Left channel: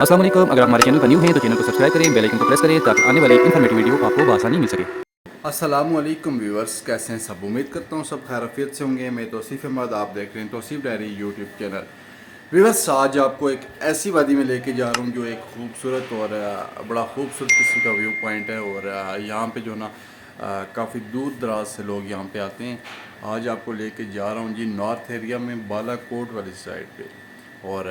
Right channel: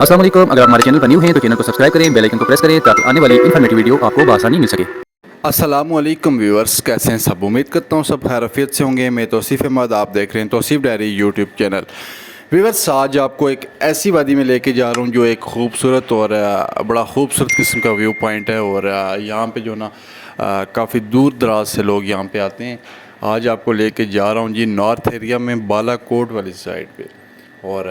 अस्सलाम वालेकुम। अगर आप हमारे चैनल पर न्यू हैं तो चैनल को सब्सक्राइब करें, बेल आइकन को प्रेस करें ताकि आने वाली इन्फॉर्मेटिव वीडियो आपको बआसानी मिल सके। अस्सलाम वालेकुम व्यूअर्स, कैसे हैं सब। उम्मीद करता हूँ सब खैरियत से होंगे। मैं तौसीफ़ अहमद, आप देख रहे हैं Tauseef diary YouTube channel. Viewers, आज आपको एक ऐसी वादी में लेके जा रहा हूँ जो एक खूबसूरत और बड़ा खूबसूरत किस्म का व्यू पॉइंट है। और यहाँ पे जो ना काफ़ी दूर दराज से लोग यहाँ पे आते हैं। आज आपको लेके जा रहा हूँ जी नॉर्थ एरिया में, बालाकोट वाली साइड पे। और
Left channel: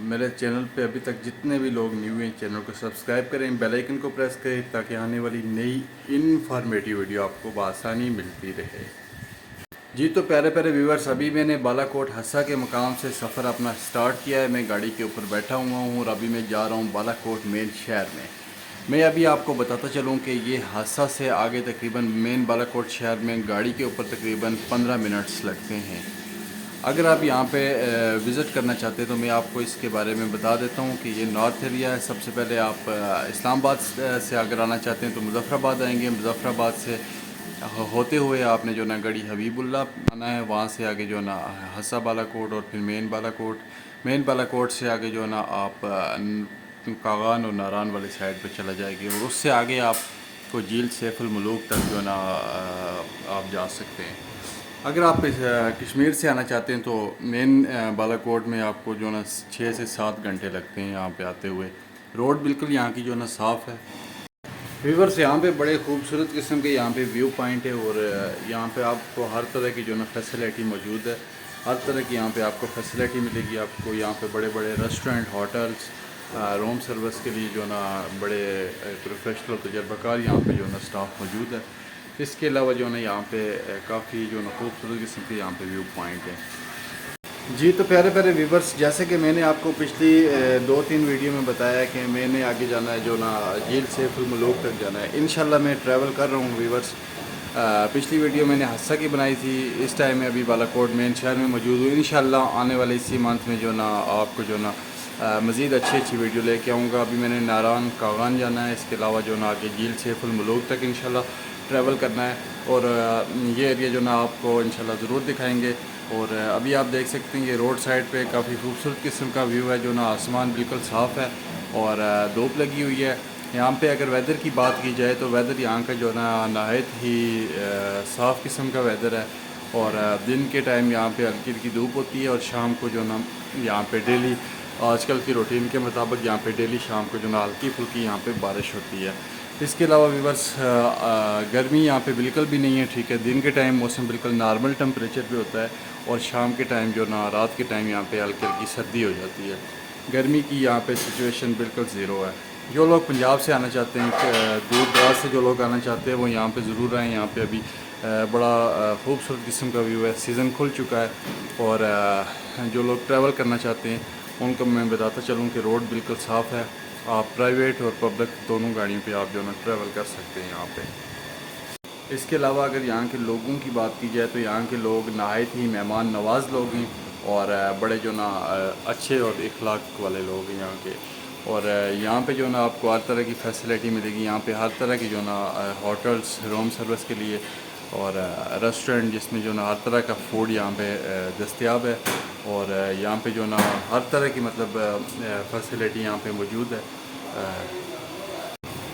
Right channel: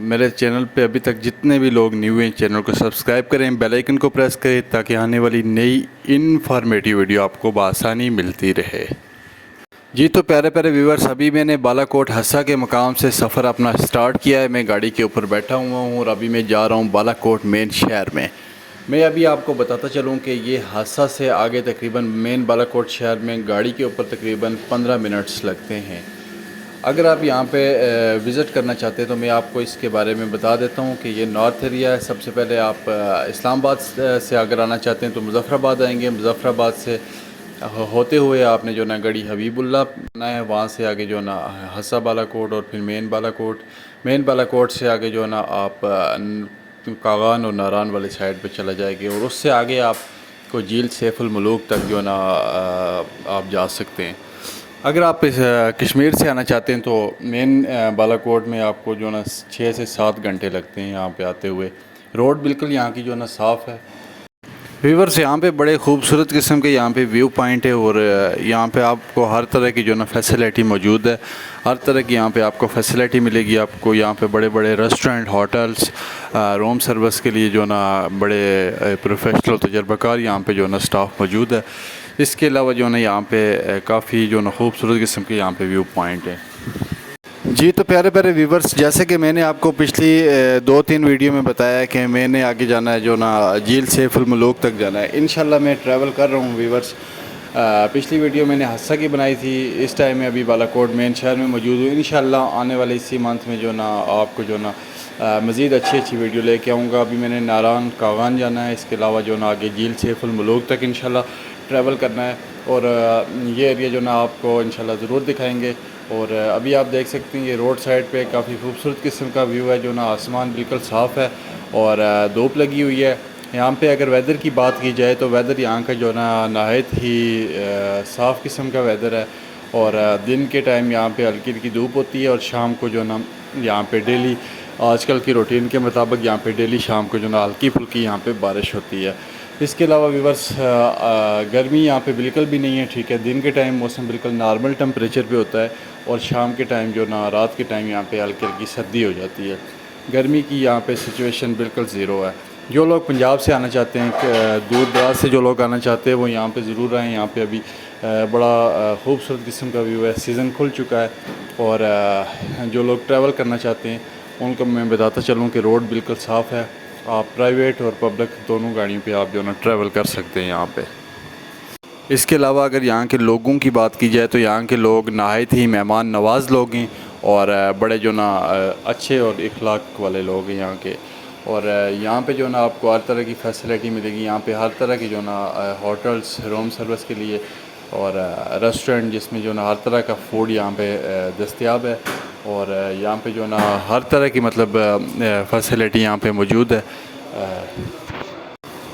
मेरे चैनल पे अभी तक जितने भी लोग न्यू हैं, चैनल को सब्सक्राइब करें, बेल आइकन को प्रेस करें ताकि आने वाली नई इनफॉर्मेटिव वीडियो आपको बआसानी मिलती रहे। जी तो प्यारे प्यारे व्यूअर्स, अभी मैंने बालाकोट हस्सा के मकाम से सफ़र अपना स्टार्ट किया है। मैं गाड़ी के ऊपर बैठा हुआ हूँ और अभी मैं जा रहा हूँ बालाकोट मेन शहर में। मैं अभी आपको बताता चलूँ कि ये हस्सा से आगे तकरीबन मेन बालाकोट शहर में गाड़ी के ऊपर तकरीबन 15 मिनट्स लगते हैं। अगर आप यहाँ पे विज़िट करना चाहते हैं तो मैं आपको इसके बारे में बता देता हूँ कि ये नॉर्थ एरिया है। सबसे पहले आप इस्लामाबाद से अगर आना चाहते हैं तो मुज़फ़्फ़राबाद आएंगे। मुज़फ़्फ़राबाद से होते हुए आपने जो ना गढ़ी हबीबुल्ला आना है, वहाँ से आगे जो ना हस्सा बालाकोट और फिर मेन बालाकोट से आगे जो ना आप कागान और नारान वाली साइड पे चला जाएंगे और उससे आगे आपको झील सैफुल मलूक तक जो ना आप जा सकते हैं। अगर आप इस कश्मीर से आना चाहते हैं तो मेन बालाकोट में आपको जो ना 6 से 7 घंटे लगते हैं यहाँ पे आते हुए। रोड बिल्कुल यहाँ की जो ना साफ़ है। व्यूअर्स, यहाँ पे बड़े खूबसूरत किस्म के यहाँ पे व्यू पॉइंट है और यहाँ पे आपको हर तरह की जो ना फैसिलिटी मौजूद है। हर तरह की यहाँ पे आपको फैसिलिटी मिलेगी। आपको यहाँ पे बड़े बड़े रेस्टोरेंट, होटल्स, रूम सर्विस के लिए जो ना बड़े प्रोफेशनल तजर्बाकार यहाँ पे जो ना स्टाफ मौजूद है। इसके अलावा जो ना यहाँ पे काफ़ी जो ना खूबसूरत किस्म के यहाँ पे व्यू पॉइंट है। जी तो प्यारे प्यारे व्यूवर्स, जैसे कि मैंने आपको पिछली 2-3 वीडियो में बताया कि मैंने आगे जाना है जो ना झील सैफुल मलूक तक जाना है। इंशाल्लाह मैं ट्रैवल कर रहा हूँ व्यूवर्स। पिछली वीडियो मैंने हस्सा की बनाई थी, इस टाइम में अभी बालाकोट मेन शहर में मौजूद हूँ। इंशाल्लाह आने वाले इसी मंथ में जो ना आपको जो ना मज़ीद अच्छी वीडियो लेके आऊँगा। अभी मैंने नारान कागान जाना है, इसके अलावा जो ना आगे झील सैफुल मलूक तक इंशाल्लाह ट्रैवल करना है और ये एरिया जो ना आपको इंशाल्लाह ज़रूर दिखाएंगे। और अभी आप देख सकते हैं ये रोड साइड पे काफ़ी खूबसूरत किस्म का व्यू है। जो ना आसमान बिल्कुल साफ़ है और धूप लगी हुई है। यहाँ पे अगर वेदर की बात की जाए तो वेदर यहाँ का जो ना नहायत ही साफ़ किस्म का वेदर है। और दिन के टाइम यहाँ पे हल्की हल्की धूप होती है और शाम को जो ना यहाँ पे डेली आजकल की रूटीन के मुताबिक यहाँ पे डेली शाम को जो ना हल्की फुल्की यहाँ पे बारिश होती है। इसके अलावा व्यूअर्स, गर्मी यहाँ पे बिल्कुल भी नहीं है, ठीक है। दिन के टाइम मौसम बिल्कुल नॉर्मल टेम्परेचर पे होता है और शाम के टाइम जो ना रात के टाइम यहाँ पे हल्की हल्की सर्दी हो जाती है। गर्मी की यहाँ पे सिचुएशन बिल्कुल ज़ीरो है। जो लोग पंजाब से आना चाहते हैं, दूर दराज से जो लोग आना चाहते हैं वो यहाँ पे ज़रूर आएँ। यहाँ पे अभी बड़ा खूबसूरत किस्म का व्यू है। सीज़न खुल चुका है और जो लोग ट्रैवल करना चाहते हैं उनको मैं बताता चलूँ कि रोड बिल्कुल साफ़ है। आप प्राइवेट और पब्लिक दोनों गाड़ियों पे आप जो ना ट्रैवल कर सकते हैं यहाँ पे। इसके अलावा अगर यहाँ के लोगों की बात की जाए तो यहाँ के लोग नहायत ही मेहमान नवाज़ लोग हैं और बड़े जो ना अच्छे और इखलाक वाले लोग हैं यहाँ के। और यहाँ पे जो ना आपको हर तरह की फैसिलिटी मिलेगी। यहाँ पे हर तरह की जो ना होटल्स, रूम सर्विस के लिए और रेस्टोरेंट जिसमें जो ना हर तरह का फूड यहाँ पे दस्तयाब है। और यहाँ पे जो ना हर तरह की मतलब फैसिलिटी यहाँ पे मौजूद है।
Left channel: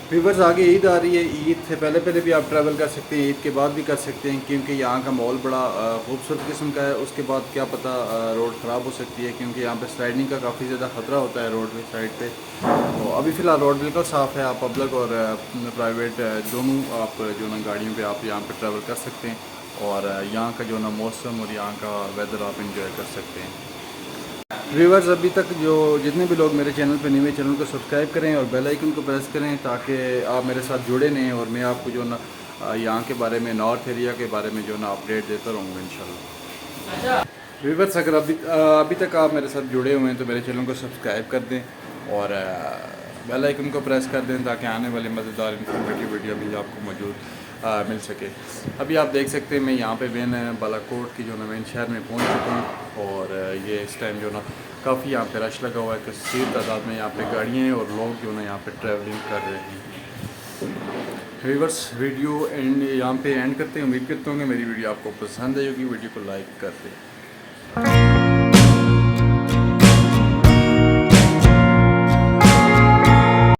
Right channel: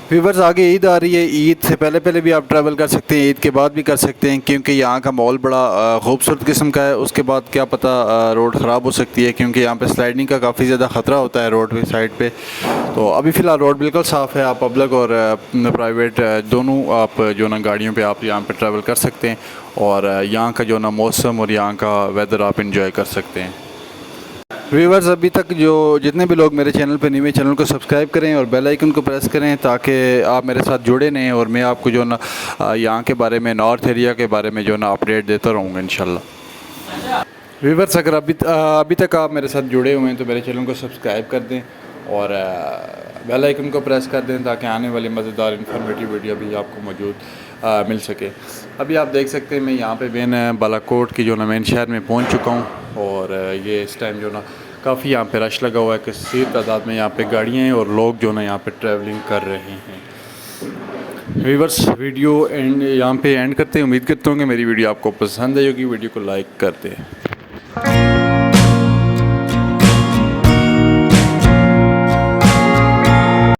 व्यूवर्स, आगे ईद आ रही है। ईद से पहले पहले भी आप ट्रैवल कर सकते हैं, ईद के बाद भी कर सकते हैं क्योंकि यहाँ का माहौल बड़ा खूबसूरत किस्म का है। उसके बाद क्या पता रोड ख़राब हो सकती है क्योंकि यहाँ पे स्लाइडिंग का काफ़ी ज़्यादा ख़तरा होता है रोड पे साइड पे। तो अभी फ़िलहाल रोड बिल्कुल साफ़ है। आप पब्लिक और प्राइवेट दोनों आप जो ना गाड़ियों पे आप यहाँ पे ट्रैवल कर सकते हैं और यहाँ का जो ना मौसम और यहाँ का वेदर आप इंजॉय कर सकते हैं। व्यूवर्स, अभी तक जो जितने भी लोग मेरे चैनल पर न्यू, चैनल को सब्सक्राइब करें और बेल आइकन को प्रेस करें ताकि आप मेरे साथ जुड़े रहें और मैं आपको जो ना यहाँ के बारे में, नॉर्थ एरिया के बारे में जो ना अपडेट देता रहूँगा इंशाल्लाह। व्यूवर्स, अगर अभी तक आप मेरे साथ जुड़े हुए हैं तो मेरे चैनल को सब्सक्राइब कर दें और बेल आइकन को प्रेस कर दें ताकि आने वाली मज़ेदार इन्फॉर्मेटिव वीडियो भी आपको मौजूद मिल सके। अभी आप देख सकते हैं मैं यहाँ पे मेन बालाकोट की जो ना मेन शहर में पहुँच चुका हूँ और ये इस टाइम जो ना काफ़ी यहाँ पे रश लगा हुआ है। कसीर तादाद में यहाँ पे गाड़ियाँ हैं और लोग जो ना यहाँ पे ट्रैवलिंग कर रहे हैं। व्यूवर्स, वीडियो यहाँ पे एंड करते हैं। उम्मीद करता हूँ कि मेरी वीडियो आपको पसंद आई होगी। वीडियो को लाइक करते हैं।